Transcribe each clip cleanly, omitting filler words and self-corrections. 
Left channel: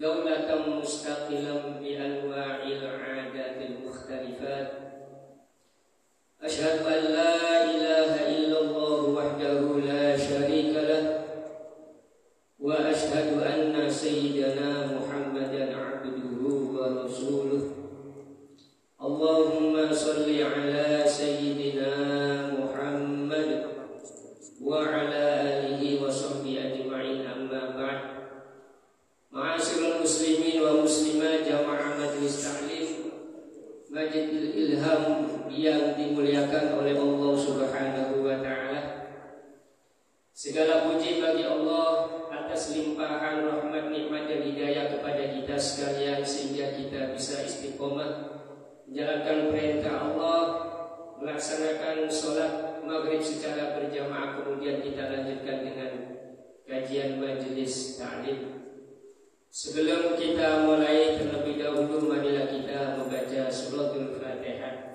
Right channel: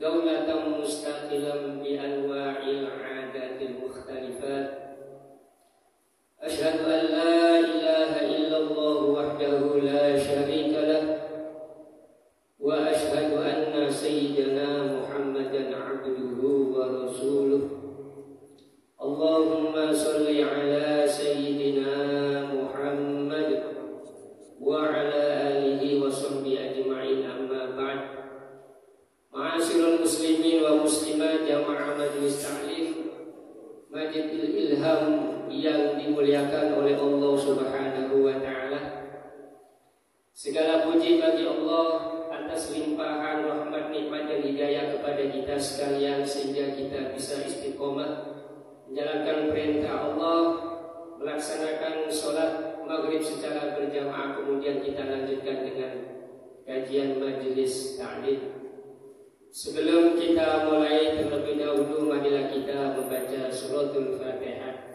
دولة مستقلا بأنواع العادات المختلفات. أشهد أن لا إله إلا الله وحده لا شريك له، وأشهد أن سيدنا محمدا عبده ورسوله. اللهم صل على سيدنا محمد وعلى آله وصحبه أجمعين. أما بعد. Ma'asyiral muslimin wa muslimat jamaah majelis ta'lim Masjidil Ilham yang dimuliakan oleh Allah Subhanahu wa taala. Segala puji bagi Allah atas limpahan rahmat, nikmat dan hidayah kepada kita sekalian sehingga kita bisa istiqomah menjalankan perintah Allah, melaksanakan sholat maghrib secara berjamaah, kemudian kita lanjutkan dengan kajian majelis ta'lim. Sebelum kita mulai, terlebih dahulu marilah kita membaca suratul Fatihah.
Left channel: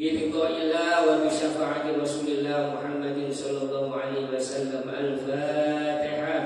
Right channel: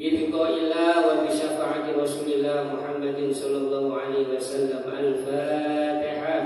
Biridhoillah wa bisyafaati Rasulillah Muhammadin sallallahu alaihi wasallam. Al-Fatihah.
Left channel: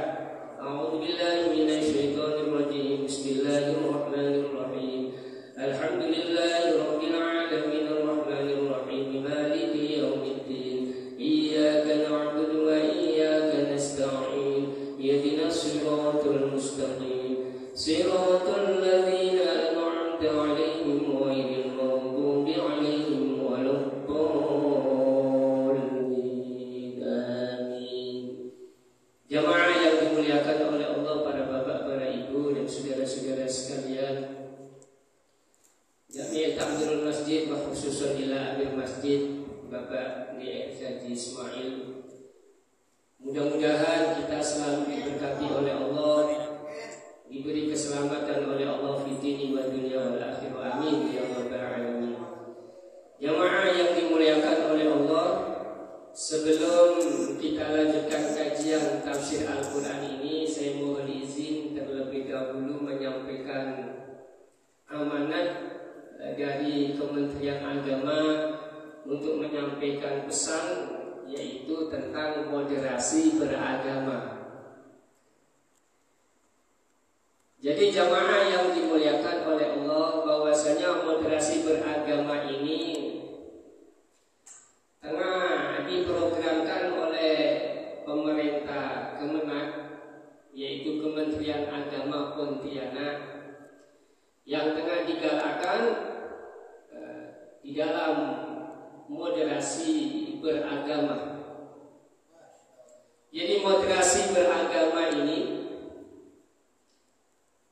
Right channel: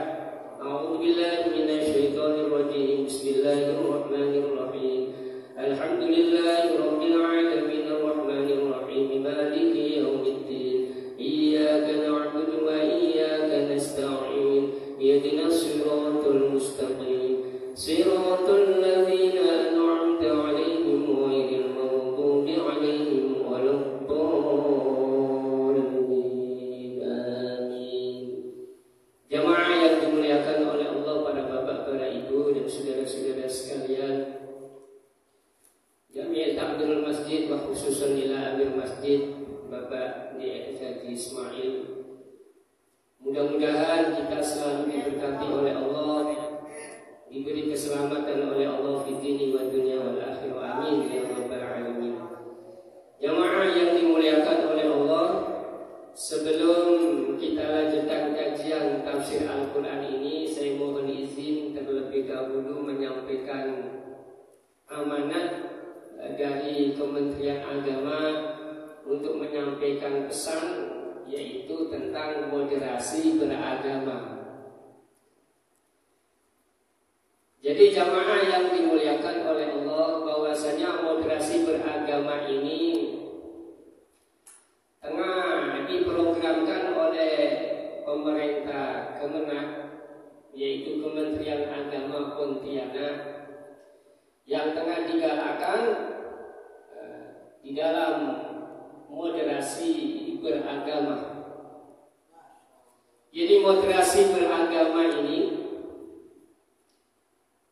A'udzu billahi minasy syaithanir rajim. Bismillahirrahmanirrahim. Alhamdulillahi rabbil alamin arrahmanir rahim maliki yaumiddin. Iyyaka na'budu wa iyyaka nasta'in. Ihdinas siratal mustaqim. Siratal ladzina an'amta 'alaihim ghairil maghdubi 'alaihim waladdallin. Amin. Jamaah yang dimuliakan oleh Allah, para bapak, para ibu dan saudara-saudara sekalian, Jami'at Ta'zirul Masjid wa khususan ila Amir Masjid Bapak Haji Ismail. Mudah-mudahan kita selalu diberkati oleh Allah, diberi keselamatan oleh Allah fi dini wa dunya wal akhirah. Amin ya rabbal alamin. Jamaah yang dimuliakan oleh Allah, sebelum kita lanjutkan kajian tafsir Al-Qur'an ini, saya mohon izin terlebih dahulu menyampaikan amanat dari Kementerian Agama untuk menyampaikan pesan, yaitu tentang moderasi beragama. Jadi jamaah yang dimuliakan oleh Allah, bahwasanya moderasi beragama ini tengah diprogramkan oleh pemerintah Kemenak, yaitu Kementerian Agama Pontianak, yang tengah digalakkan di dalam moderasi beragama. Jadi moderasi beragama ini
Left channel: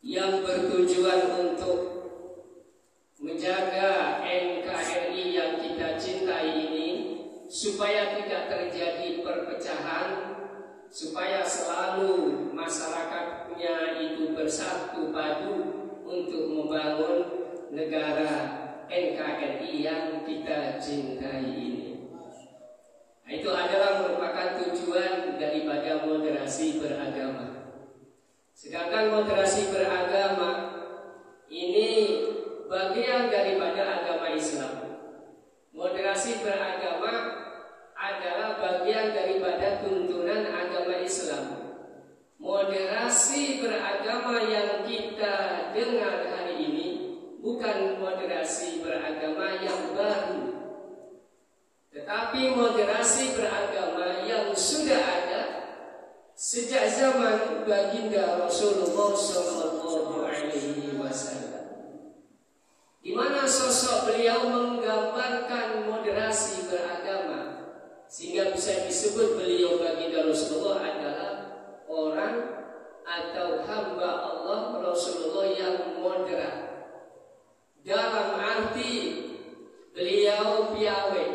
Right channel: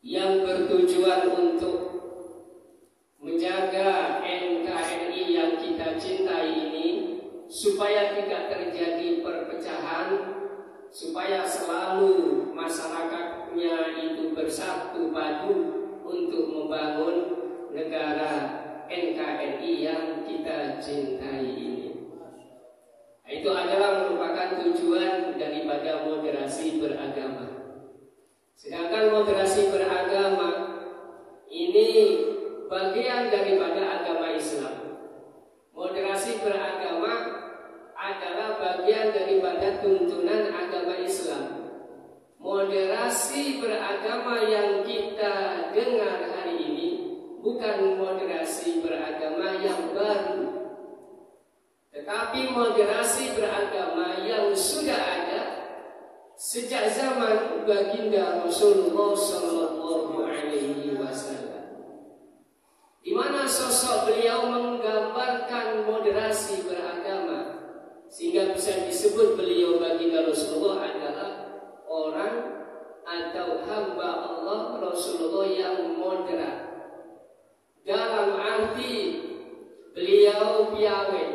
yang bertujuan untuk menjaga NKRI yang kita cintai ini supaya tidak terjadi perpecahan, supaya selalu masyarakatnya itu bersatu padu untuk membangun negara NKRI yang kita cintai ini. Itu adalah merupakan tujuan daripada moderasi beragama. Sedangkan moderasi beragama ini bagian daripada agama Islam. Moderasi beragama adalah bagian daripada tuntunan agama Islam. Moderasi beragama yang kita dengar hari ini bukan moderasi beragama yang baru, tetapi moderasi beragama yang sudah ada sejak zaman baginda Rasulullah Sallallahu Alaihi Wasallam, di mana sosok beliau menggambarkan moderasi beragama, sehingga bisa disebut beliau baginda Rasulullah adalah orang atau hamba Allah Rasulullah yang moderat. Dalam arti beliau piawe,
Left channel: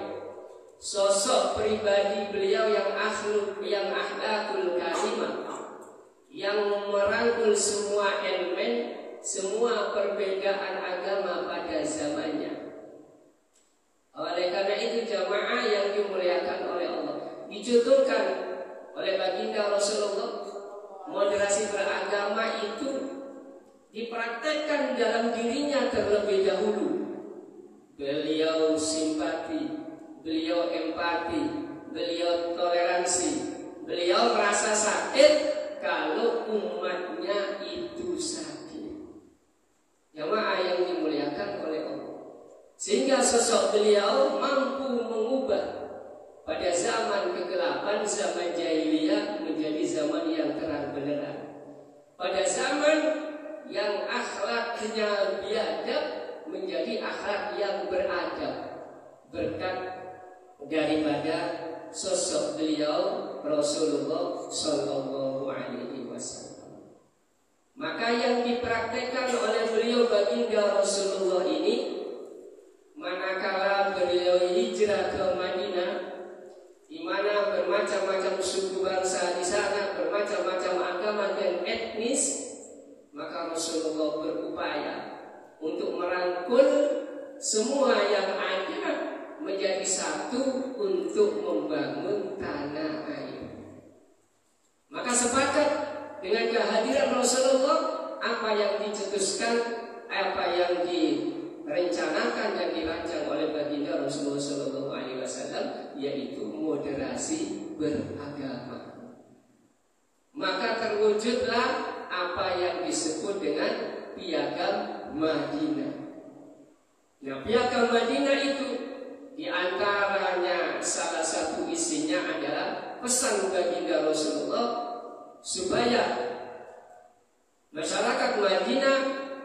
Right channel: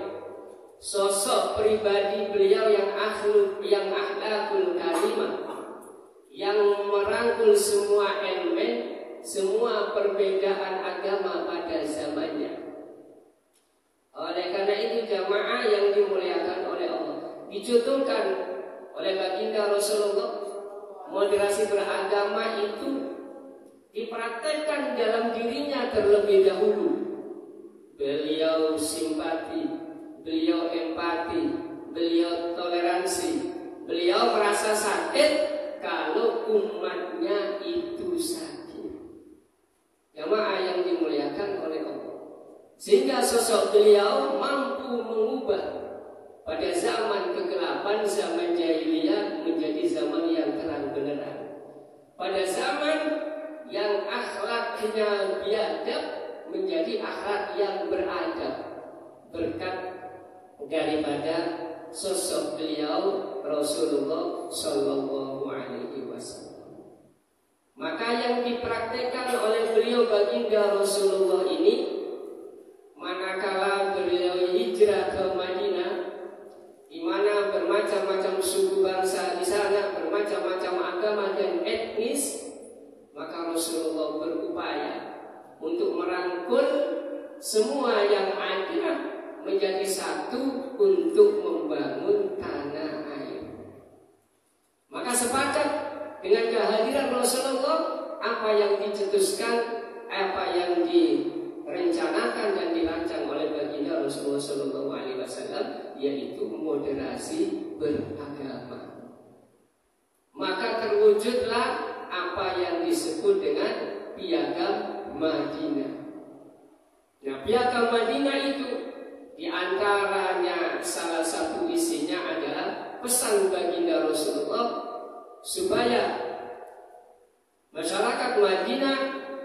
sosok pribadi beliau yang akhlakul karimah, yang merangkul semua elemen, semua perbedaan agama pada zamannya. Oleh karena itu jamaah yang dimuliakan oleh Allah, dicontohkan oleh baginda Rasulullah, moderasi beragama itu dipraktekkan dalam dirinya terlebih dahulu. Beliau simpati, beliau empati, beliau toleransi, beliau merasa sakit kalau umatnya itu sakit. Sehingga sosok beliau mampu mengubah pada zaman kegelapan, zaman jahiliyah menjadi zaman yang terang benderang. Pada zaman yang akhlaknya biadab menjadi akhlak yang beradab, berkat daripada sosok beliau Rasulullah Sallallahu Alaihi Wasallam. Maka yang dipraktekkan oleh beliau baginda Rasulullah ini, manakala beliau hijrah ke Madinah, di mana bermacam-macam suku bangsa di sana, bermacam-macam agama dan etnis, maka Rasulullah berupaya untuk merangkul semua yang ada menjadi satu untuk membangun tanah air. Maka sepakat dengan kehadiran Rasulullah, apa yang dicetuskan, apa yang direncanakan dan dirancang oleh baginda Rasulullah Sallallahu Alaihi Wasallam, yaitu moderasi beragama. Maka terwujudlah apa yang disebut dengan Piagam Madinah. Nah, Piagam Madinah itu diantaranya salah satu isinya adalah pesan baginda Rasulullah supaya masyarakat Madinah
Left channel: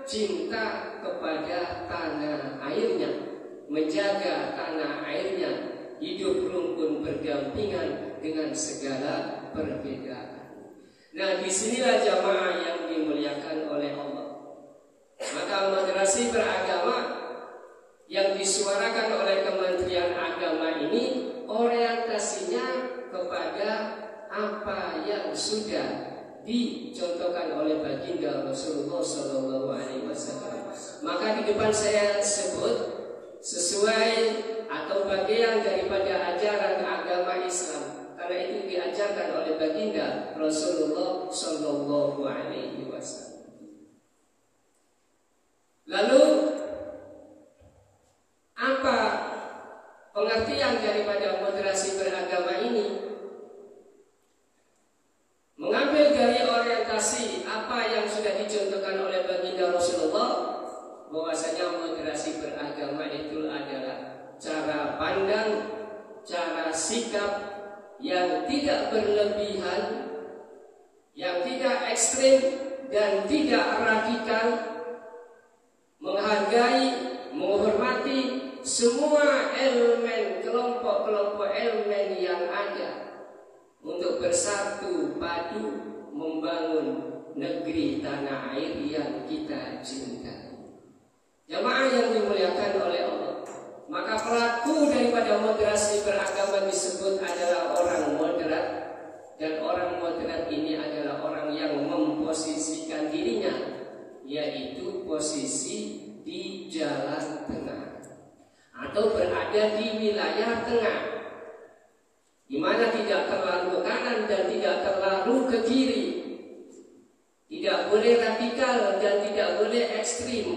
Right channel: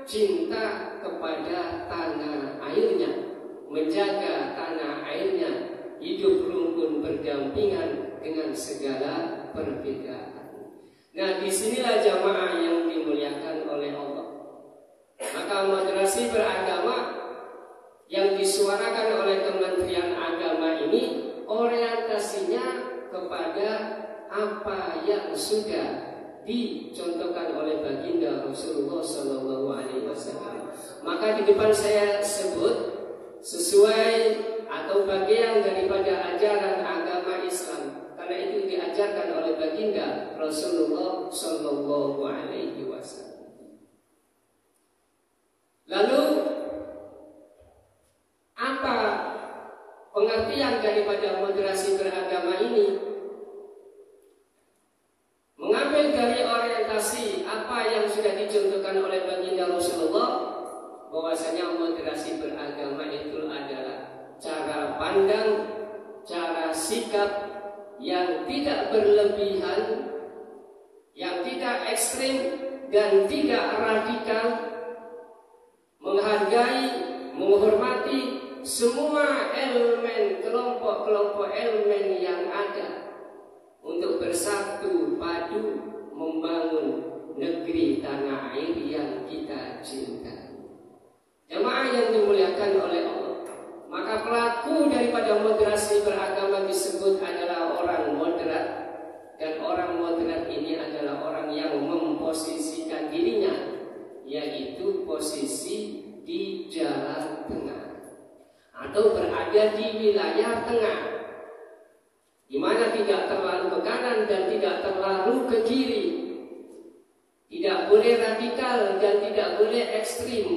cinta kepada tanah airnya, menjaga tanah airnya, hidup rukun berdampingan dengan segala perbedaan. Nah, disinilah jamaah yang dimuliakan oleh Allah. Maka moderasi beragama yang disuarakan oleh Kementerian Agama ini orientasinya kepada apa yang sudah dicontohkan oleh baginda Rasulullah Sallallahu Alaihi Wasallam. Maka di depan saya sebut sesuai atau bagian daripada ajaran agama Islam, karena itu diajarkan oleh baginda Rasulullah Sallallahu Alaihi Wasallam. Lalu apa pengertian daripada moderasi beragama ini? Mengambil dari orientasi apa yang sudah dicontohkan oleh baginda Rasulullah, bahwasanya moderasi beragama itu adalah cara pandang, cara sikap yang tidak berlebihan, yang tidak ekstrim dan tidak radikal, menghargai, menghormati semua elemen, kelompok-kelompok elemen yang ada untuk bersatu padu membangun negeri tanah air yang kita cintai. Jamaah yang dimuliakan oleh Allah, maka pelaku daripada moderasi beragama disebut adalah orang moderat, dan orang moderat ini adalah orang yang memposisikan dirinya, yaitu posisi di jalan tengah atau berada di wilayah tengah, di mana tidak terlalu ke kanan dan tidak terlalu ke kiri, tidak boleh radikal dan tidak boleh ekstrim,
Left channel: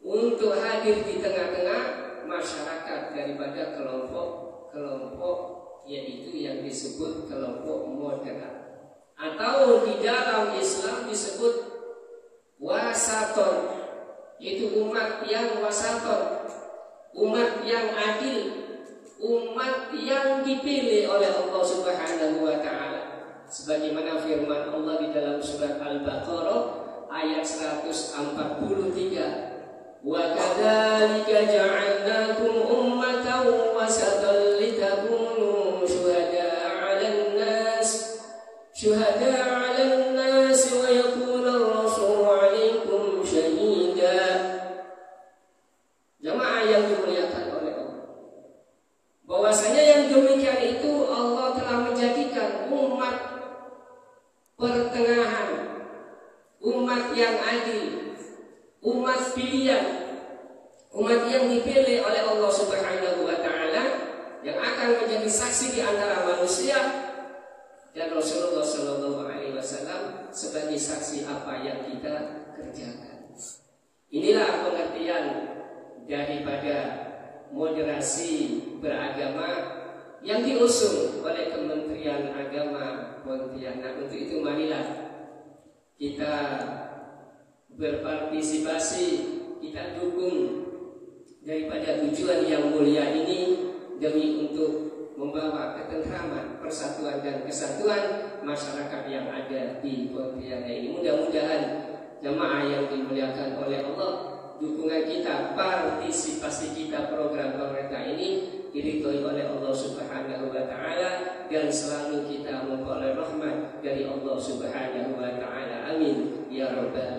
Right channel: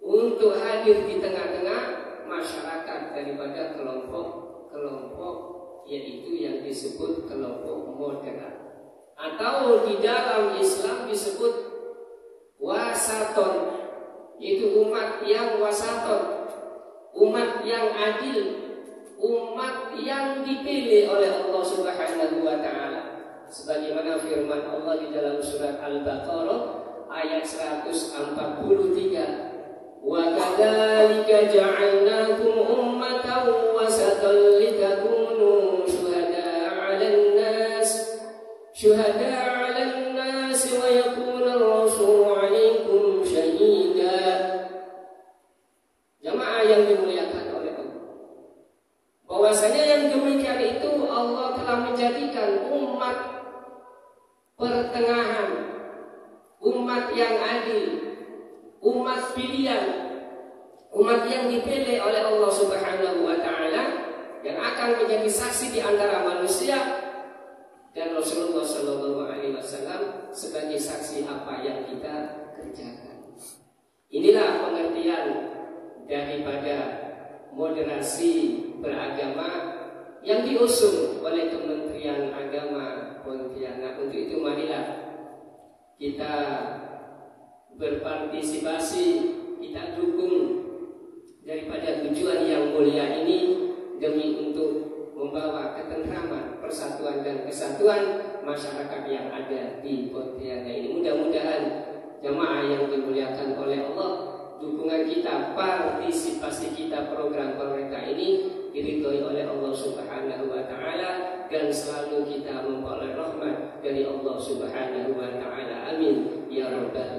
untuk hadir di tengah-tengah masyarakat daripada kelompok-kelompok, yaitu yang disebut kelompok moderat, atau di dalam Islam disebut wasaton, itu umat yang wasaton, umat yang adil, umat yang dipilih oleh Allah Subhanahu wa taala. Sebagaimana firman Allah di dalam surat Al-Baqarah ayat 143, "Wa kadzalika ja'alnakum ummatan wasatan litakunu syuhada'a 'alan nas wa yakuna ar-rasulu 'alaikum shahida." Jamaah yang dimuliakan oleh Allah, bahwasanya yang demikian itu Allah telah menjadikan umat pertengahan, umat yang adil, umat pilihan, umat yang dipilih oleh Allah Subhanahu wa taala, yang akan menjadi saksi di antara manusia, dan Rasulullah Sallallahu Alaihi Wasallam sebagai saksi apa yang kita kerjakan. Inilah pengertian daripada moderasi beragama yang diusung oleh Kementerian Agama Pontianak. Untuk itu marilah kita berpartisipasi, kita dukung daripada tujuan yang mulia ini demi untuk membawa ketentraman, persatuan dan kesatuan masyarakat yang ada di Pontianak ini. Mudah-mudahan jamaah yang dimuliakan oleh Allah, dukungan kita, partisipasi kita program pemerintah ini diridhoi oleh Allah Subhanahu wa taala dan selalu kita memperoleh rahmat dari Allah Subhanahu wa taala. Amin ya rabbal